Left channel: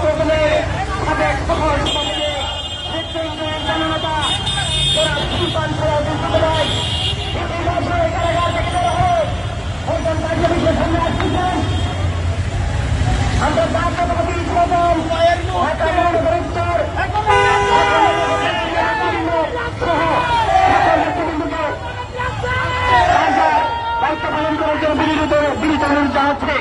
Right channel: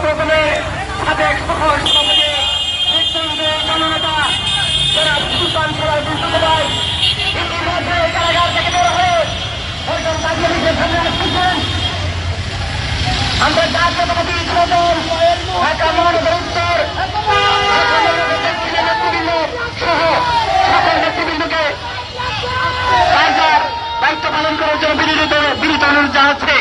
ছাত্রদলের সাবেক সফল সভাপতি মৃত্যুঞ্জয় জননেতা যারা সুলতান সরাসরি ভাই ইতিমধ্যে কারাগার থেকে বের হয়ে একজন কার্যালয়ের সামনে আসতেছেন। আমরা জাতীয়তাবাদী যুবদল ঢাকা মহানগর উত্তর নেতৃবৃন্দ সহ সকল নেতৃবৃন্দকে কার্যার দায়িত্ব পালন করার জন্য বিনীত অনুরোধ জানাচ্ছে।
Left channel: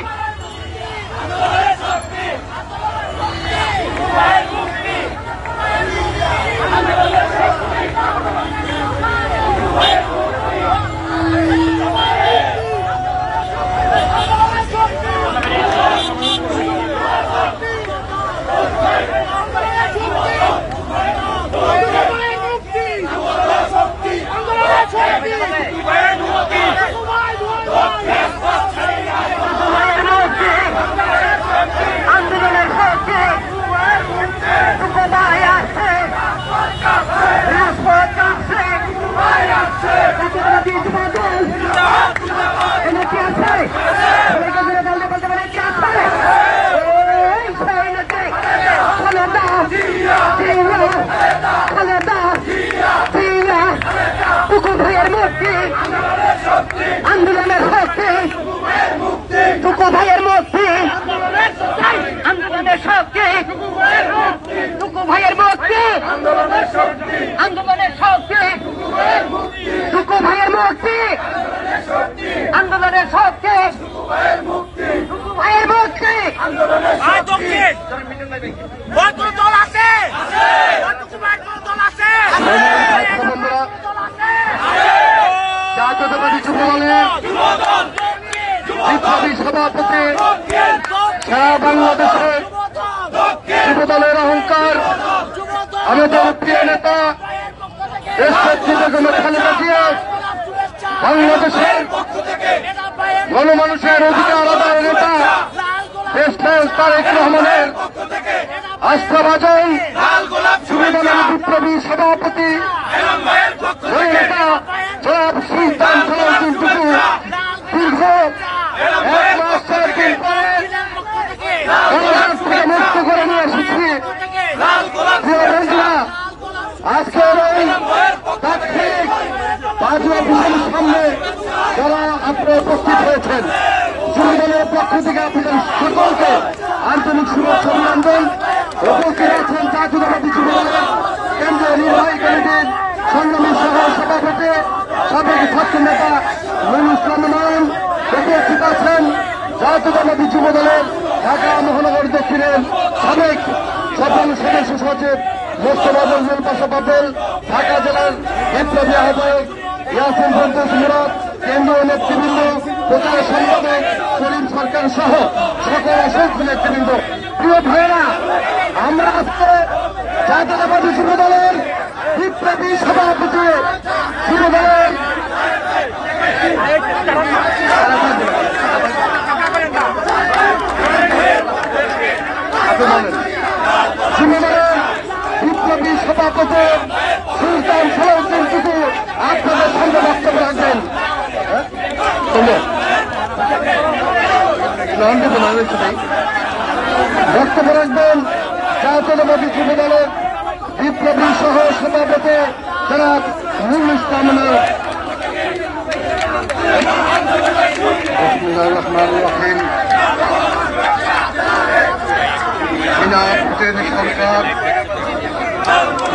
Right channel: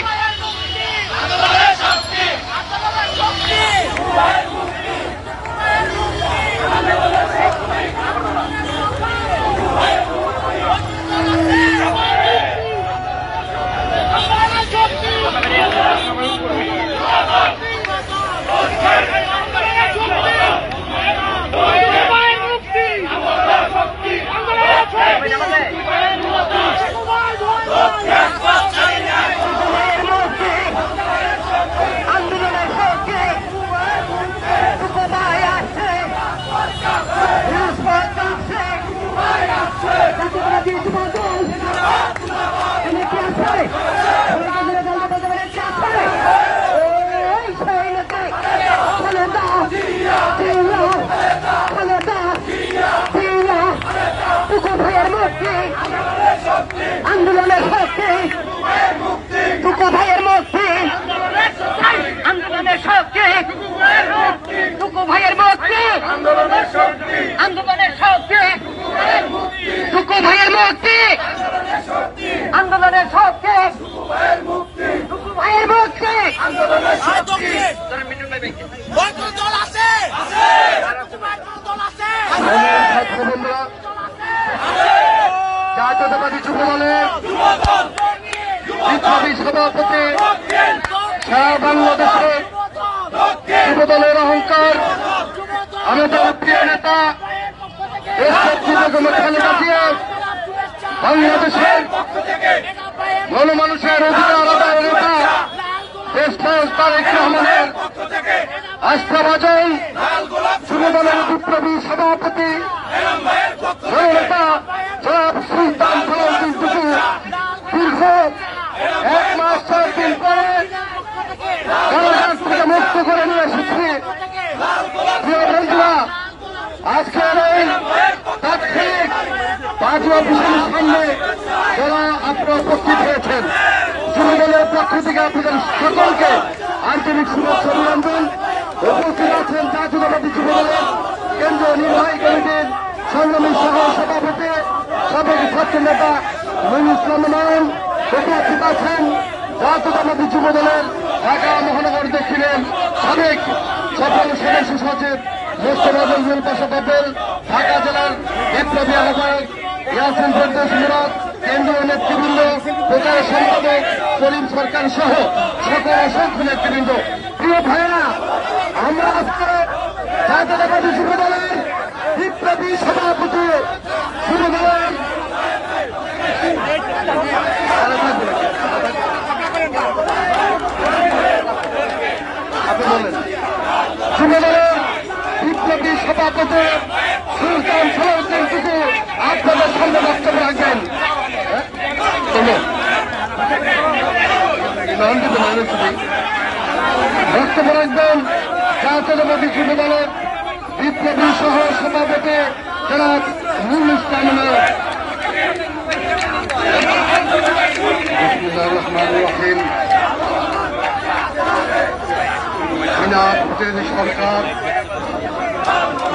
আন্দোলনের শক্তি টুকু ভাইয়ের মুক্তি, আন্দোলনের শক্তি টুকু ভাইয়ের মুক্তি, আন্দোলনের শক্তি টুকু ভাইয়ের মুক্তি, আন্দোলনের শক্তি ভাইয়ের মুক্তি। কত দল আছে? দল আছে? জাতীয়তাবাদী যুবদলের বিপ্লবী সভাপতি সারা বাংলাদেশের যুবদলের অহংকার আমাদের প্রিয় নেতা খালেদা জিয়া বাংলাদেশের গণমানুষের অধিকার আদায়ের নেতা দেশনায়ক তারেক রহমানের আস্থাভাজন যুবদলের বিপ্লবী সভাপতি নেতা জনাব সুলতান সরাসরি দীর্ঘ 1 মাস 4 দিন পরে থেকে মুক্ত করে নিয়ে এসেছি। আজকের এই তাৎক্ষণিক পাঁচুয়া বিশালের সামনে যারা আপনারা উপস্থিত হয়েছেন, যুবদলের পক্ষ থেকে আপনাদের সকলকে আন্তরিক শুভেচ্ছা অভিনন্দন। উপস্থিত হয়েছেন জাতীয়তাবাদী যুবদলের কেন্দ্রীয় নির্বাহী কমিটির সংগ্রামী সভাপতি সাবেক ছাত্র নেতা নুরুল ইসলাম নয়ন, উপস্থিত আছেন জাতীয়তাবাদী যুবদলের ঢাকা মহানগর দক্ষিণের সাবেক সফল সদস্য সচিব মোস্তফা মঞ্জুর পাশা পাটেল, ঢাকা জেলার বিপ্লবী আহ্বায়ক ইয়াসিন সন্তোষ মুরাদ, কেন্দ্রীয় নেতৃবৃন্দ, প্রচার সম্পাদক সলিম সরকার সহ সকল অসংখ্য নেতৃবৃন্দ। প্রিয় ভাইয়েরা, আমরা আজকে জাতীয়তাবাদী যুবদলের বিপ্লবী সভাপতি যুবদলের বিপ্লবী সভাপতি সুলতান সরাসরি থেকে আপনাদের সামনে বক্তব্য রাখবেন। বক্তব্য রাখবেন জাতীয়তাবাদী যুবদলের বিপ্লবী সহ সভাপতি জনাব নুরুল ইসলাম নয়ন। সরকার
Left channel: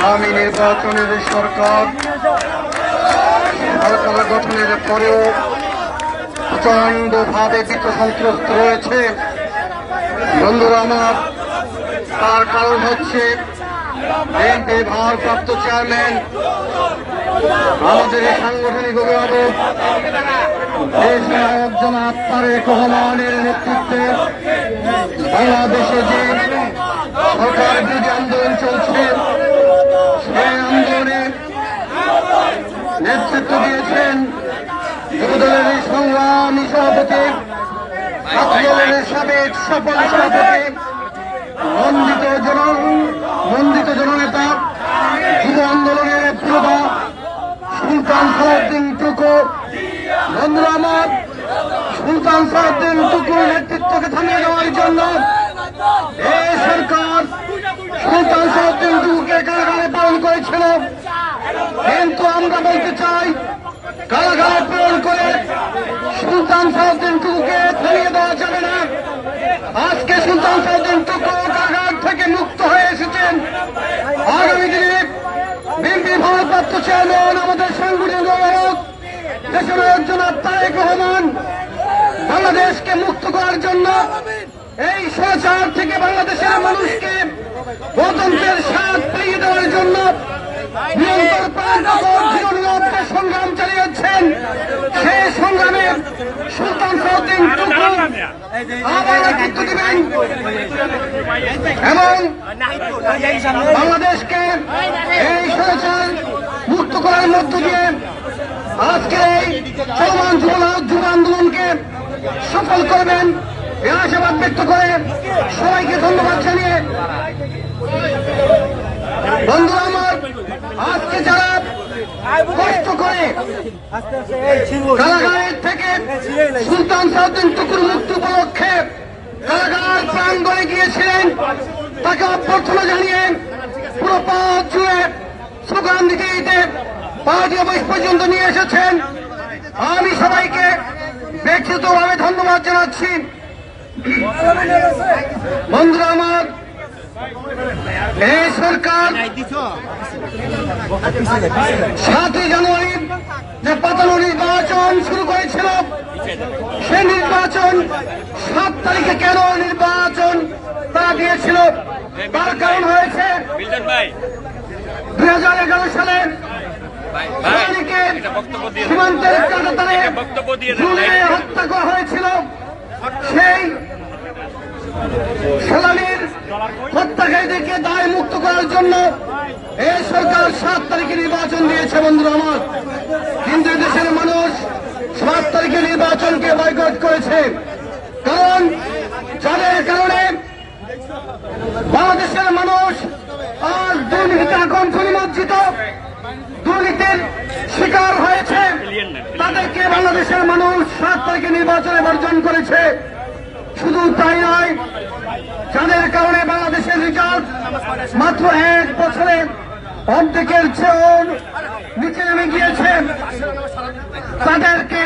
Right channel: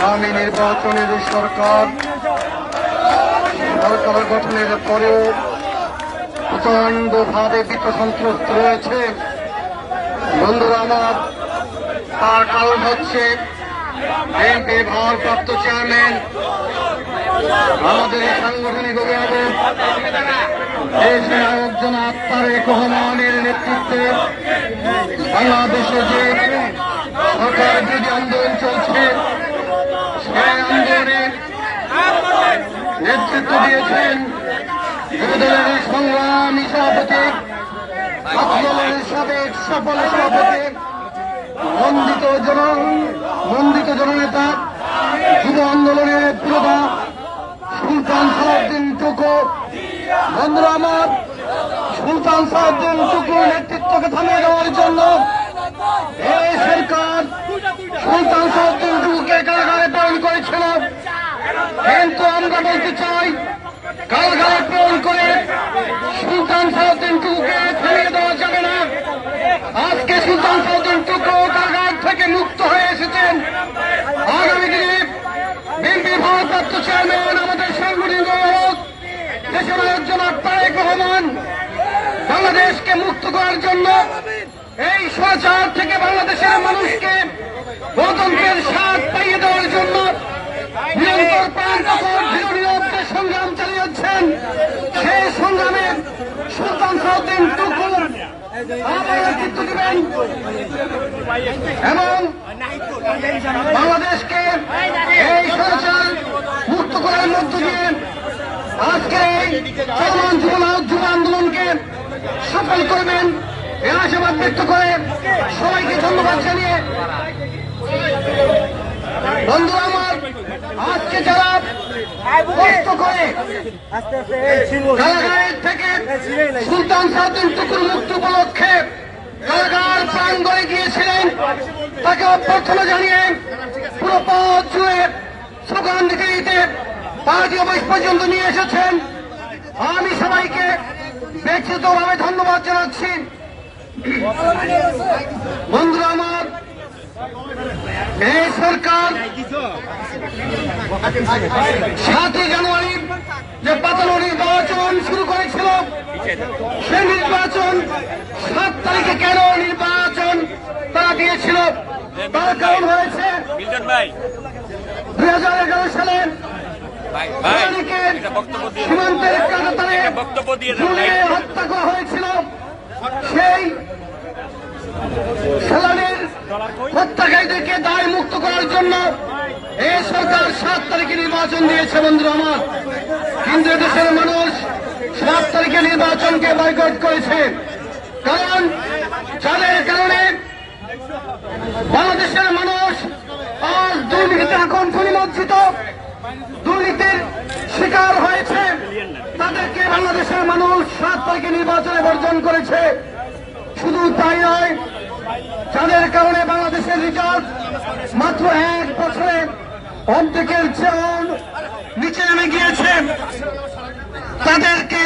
আগামী নির্বাচনের সরকার সরকার গঠনের পরেও প্রচন্ডভাবে বিত্তসন্ত্রস্ত রয়েছে। বন্ধুরা আমার, তার কারণ হচ্ছে বিএনপির ভারপ্রাপ্ত চেয়ারম্যান আমাদের সাংগঠনিক অভিভাবক একজন তারেক রহমানের নেতৃত্বে বাংলাদেশে যে সরকার যে আন্দোলন চলছে সেই আন্দোলনে নেতৃত্ব দিয়েছেন যুবদলের সংগ্রামী সভাপতি, ছাত্রদলের সাবেক সফল সভাপতি, মন্ডিত জননেতা, যুব আন্দোলনের নেতা সুলতান সালাউদ্দিন টুকু। বন্ধুরা আমার, সুলতান সালাউদ্দিন টুকুর নেতৃত্বকে থামিয়ে দেওয়ার জন্য এই সরকার হয়েছিল, কিন্তু আমরা বলতে চাই কারাগার প্রেরণ করে সুলতান সালাউদ্দিন টুকুকে ফেলিয়ে দেওয়া যাবে না। আজকে সুলতান সালাউদ্দিন টুকু কারাগার থেকে মুক্ত হয়ে এসেছেন। আগামী দিনে বিএনপির ভারপ্রাপ্ত চেয়ারম্যান আমাদের সাংগঠনিক সম্পাদক দেশের একজন তারেক রহমান বাংলাদেশকে মুক্ত করার জন্য এই স্বৈরাচার থেকে বাংলাদেশের মানুষকে গণতন্ত্রের স্বাদ পাইয়ে দেওয়ার জন্য নিরন্তর সংগ্রাম চালিয়ে যাচ্ছেন। সেই সংগ্রামে সুলতান সালাউদ্দিন টুকু আবার নেতৃত্ব দিবেন এবং বাংলাদেশকে এই স্বৈরাচার মুক্ত করার মধ্য দিয়ে আজকে এই যুব আন্দোলনকে সফল করবেন এই আশাবাদ ব্যক্ত করে সবাইকে ধন্যবাদ জানিয়ে বন্ধুরা আমার আজকে যারা কষ্ট করে কারাগারের থেকে সুলতান সালাউদ্দিন টুকুর মুক্তি উপলক্ষে কারাগার প্রাঙ্গণে গিয়েছিলেন তাকে অভ্যর্থনা জানিয়ে পুরো পথ জুড়ে স্লোগান দিতে দিতে পার্টি অফিস পর্যন্ত নিয়ে এসেছেন। আমি সবাইকে ব্যক্তিগতভাবে ধন্যবাদ জানাচ্ছি। বন্ধুরা আমার এই সরকার 7 জানুয়ারি যে পাতানো নির্বাচন শুরু করেছিল সে নির্বাচন 7 তারিখে কেন নির্বাচন তারা দিয়েছিল তার কারণ হয়েছে 2011 সালে সীমান্তের হত্যা করা হয়েছিল। সেই সেলানির হত্যাকারীদেরকে দায় মুক্ত করার জন্য এই সরকার 7 তারিখে নির্বাচন দিয়েছে বন্ধুরা আমার, কিন্তু দেশের মানুষ 7 তারিখে নির্বাচনকে বয়কট করেছে। কারণ যাদের কারণে বাংলাদেশের মানুষ আজ দুর্নীতিতে কণ্ঠ নিমজ্জিত, দুর্নীতির শিকার হয়েছে, তাদেরকে বাংলাদেশের মানুষ 7 তারিখে নির্বাচনে বর্জন করেছে। শুধু তাই নয়, যাদের কারণে বাংলাদেশের বিকাশ মাত্র 1 বছরে অর্ধেকের চেয়েও নিচে নেমে গিয়েছে, তাদেরকে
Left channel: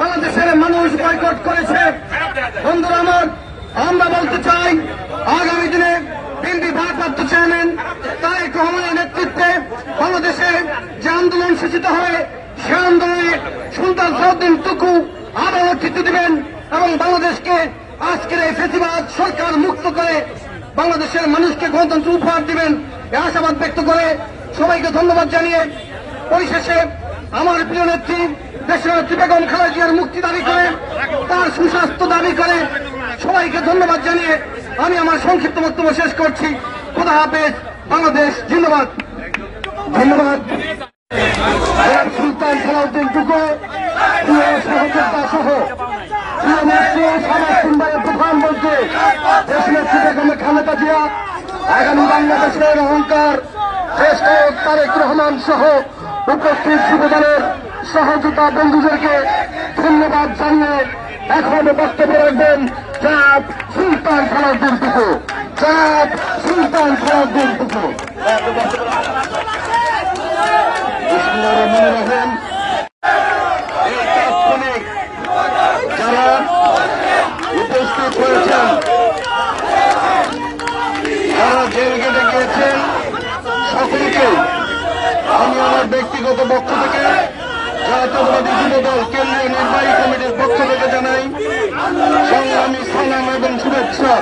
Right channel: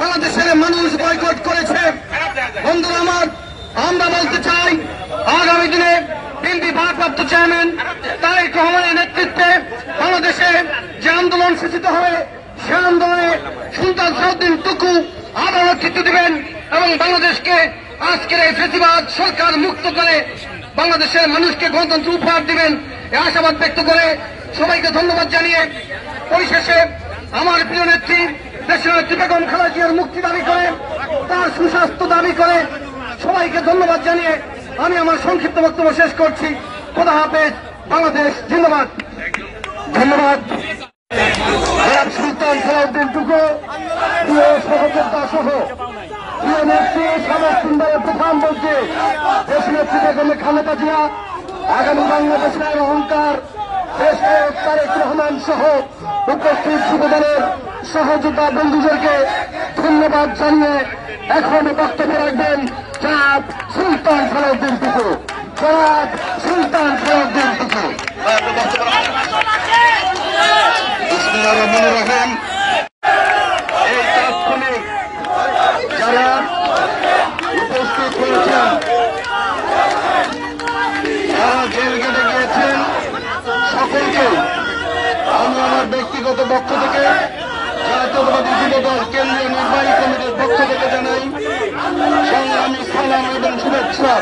বাংলাদেশের মানুষ বয়কট করেছে। বন্ধুরা আমার, আমরা বলতে চাই আগামী দিনে বিএনপি ভারপ্রাপ্ত চেয়ারম্যান তারেক রহমানের নেতৃত্বে বাংলাদেশে যে আন্দোলন সূচিত হবে সে আন্দোলনে সুলতান সালাউদ্দিন টুকু আবার নেতৃত্ব দেবেন এবং বাংলাদেশকে আজকের এই ফেসিবাদ সরকার মুক্ত করে বাংলাদেশের মানুষকে গণতন্ত্র উপহার দিবেন এই আশাবাদ ব্যক্ত করে সবাইকে ধন্যবাদ জানিয়ে পরিশেষে আমার প্রিয় নেত্রী দেশের নেত্রী বেগম খালেদা জিয়ার মুক্তি দাবি করে, তার সুস্বাস্থ্য দাবি করে সবাইকে ধন্যবাদ জানিয়ে আমি আমার সংক্ষিপ্ত বক্তব্য শেষ করছি। খোদা হাফেজ, বাংলাদেশ জিন্দাবাদ। ধন্যবাদ। সুলতান সালাউদ্দিন টুকু প্রিয় সহযোদ্ধা সহ প্রিয় নেত্রী সমাজসুন্দরের প্রধানমন্ত্রী দেশনেত্রী বেগম খালেদা জিয়া, আগামী বাংলাদেশের অহংকার দেশ তারেক রহমান সহ উপস্থিত যুবদলের সহযোদ্ধা বন্ধুদেরকে ধন্যবাদ জানিয়ে এখন বক্তব্য রাখবেন জনাব সুলতান সালাউদ্দিন টুকু। জনাব সুলতান সালাউদ্দিন টুকু। এই তাৎক্ষণিক যারা উপস্থিত হয়েছেন, যারা জেল গেটে গিয়েছেন, সকলকে আমি আমার ব্যক্তিগত পক্ষ থেকে জাতীয়তাবাদী যুবদল কেন্দ্রীয় নির্বাহী কমিটির পক্ষ থেকে জানাই সংগ্রামী সালাম এবং শুভেচ্ছা।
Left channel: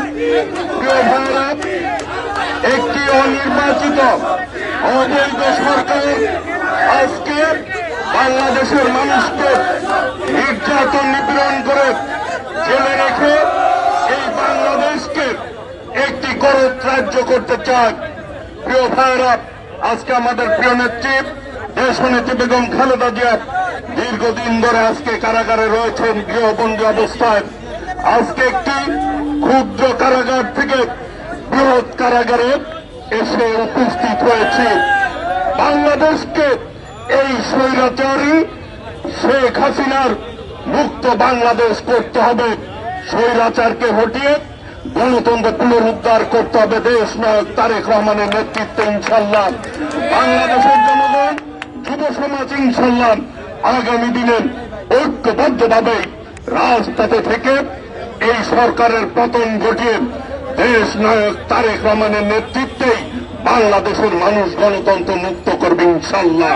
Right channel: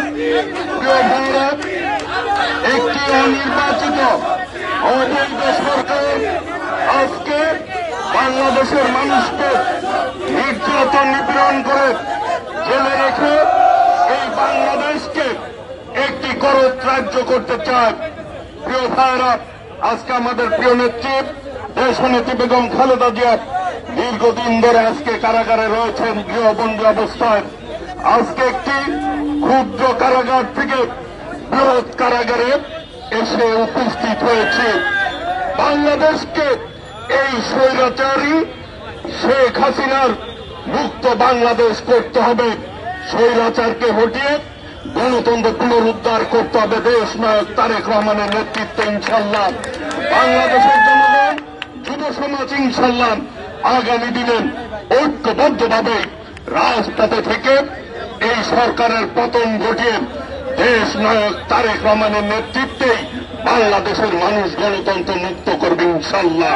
প্রিয় ভাইরা, একটি অনির্বাচিত অবৈধ সরকার আজকে বাংলাদেশের মানুষকে নির্যাতন নিপীড়ন করে জেলে রেখে এই বাংলাদেশকে একটি করদ রাজ্য করতে চায়। প্রিয় ভাইরা, আজকে আমাদের প্রিয় নেত্রী দেশনেত্রী বেগম খালেদা জিয়া দীর্ঘদিন ধরে আজকে কারাগারে রয়েছেন গৃহবন্দী অবস্থায়। আজকে একটি ক্ষুদ্র কারাগার থেকে বৃহৎ কারাগারে এসে উপস্থিত হয়েছে। বাংলাদেশকে এই স্বৈরাচারী শেখ হাসিনার মুক্ত বাংলাদেশ করতে হবে। স্বৈরাচারকে হটিয়ে গণতন্ত্র পুনরুদ্ধার করতে হবে দেশ নায়ক তারেক রহমানের নেতৃত্বে ইনশাল্লাহ। বাংলাদেশের জনগণ, যুব সমাজ ইনশাল্লাহ আগামী দিনে ঐক্যবদ্ধভাবে রাজপথে থেকে এই সরকারের পতন ঘটিয়ে দেশ নায়ক তারেক রহমানের নেতৃত্বেই বাংলাদেশের মানুষ গণতন্ত্র মুক্ত করবে ইনশাল্লাহ।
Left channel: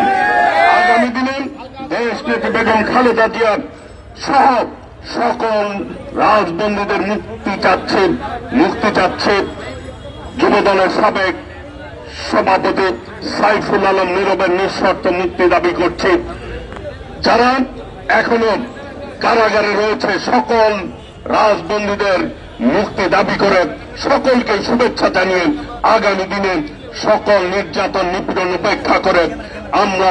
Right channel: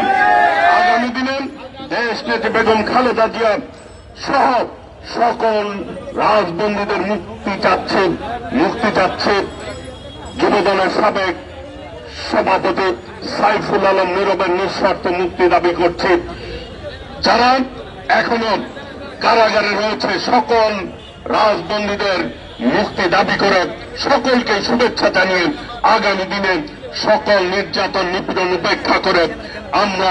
আগামী দিনে দেশ নেত্রী বেগম খালেদা জিয়া সহ সকল রাজবন্দীদের মুক্তি চাচ্ছে যুবদলের সাবেক সভাপতি সাইফুল আলম নীরবের নিঃশর্ত মুক্তি দাবি করছে। যারা এখনো কারাগারে রয়েছে সকল রাজবন্দীদের মুক্তি দাবি করে সকলকে শুভেচ্ছা জানিয়ে আগামী দিনে সকল নির্যাতন নিপীড়ন উপেক্ষা করে আমরা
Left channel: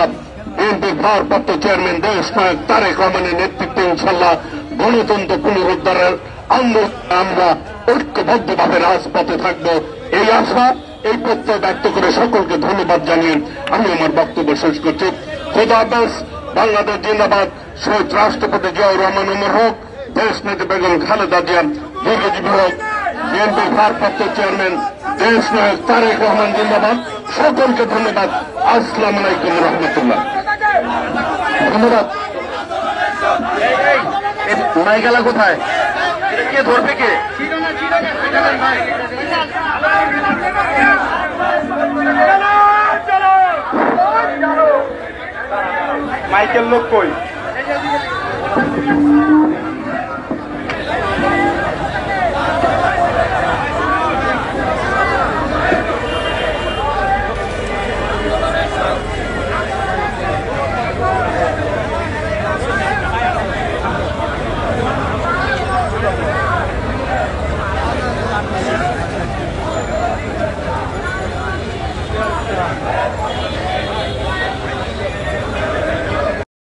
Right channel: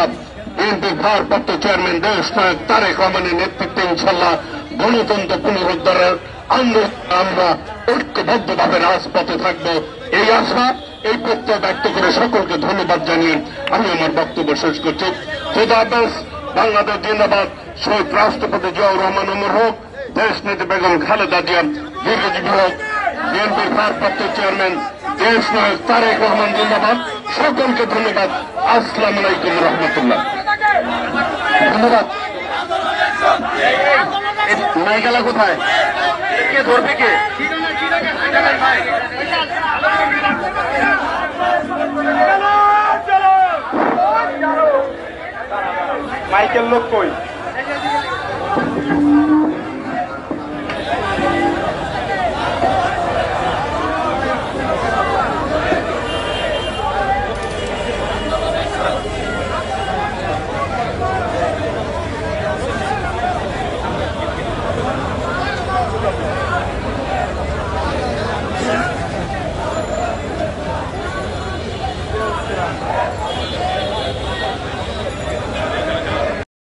বিএনপির ভারপ্রাপ্ত চেয়ারম্যান দেশ নায়ক তারেক রহমানের নেতৃত্বে ইনশাল্লাহ গণতন্ত্র পুনরুদ্ধারের আন্দোলন আমরা ঐক্যবদ্ধভাবে রাজপথে থাকব এই আশা এই প্রত্যয় ব্যক্ত করে সকলকে ধন্যবাদ জানিয়ে আমি আমার বক্তব্য শেষ করছি। খোদা হাফেজ। বাংলাদেশ জিন্দাবাদ। শহীদ রাষ্ট্রপতি জিয়াউর রহমান উমর হোক। দেশ নেত্রী বেগম খালেদা জিয়া দীর্ঘজীবী হোক। বিএনপির ভারপ্রাপ্ত চেয়ারম্যান দেশ নায়ক তারেক রহমান জিন্দাবাদ। সকলকে ধন্যবাদ। আসসালামু আলাইকুম রহমতুল্লাহ। ধন্যবাদ। নাইগালা কোথায়? কে ধরবে? কে মাইকেল লোক কই?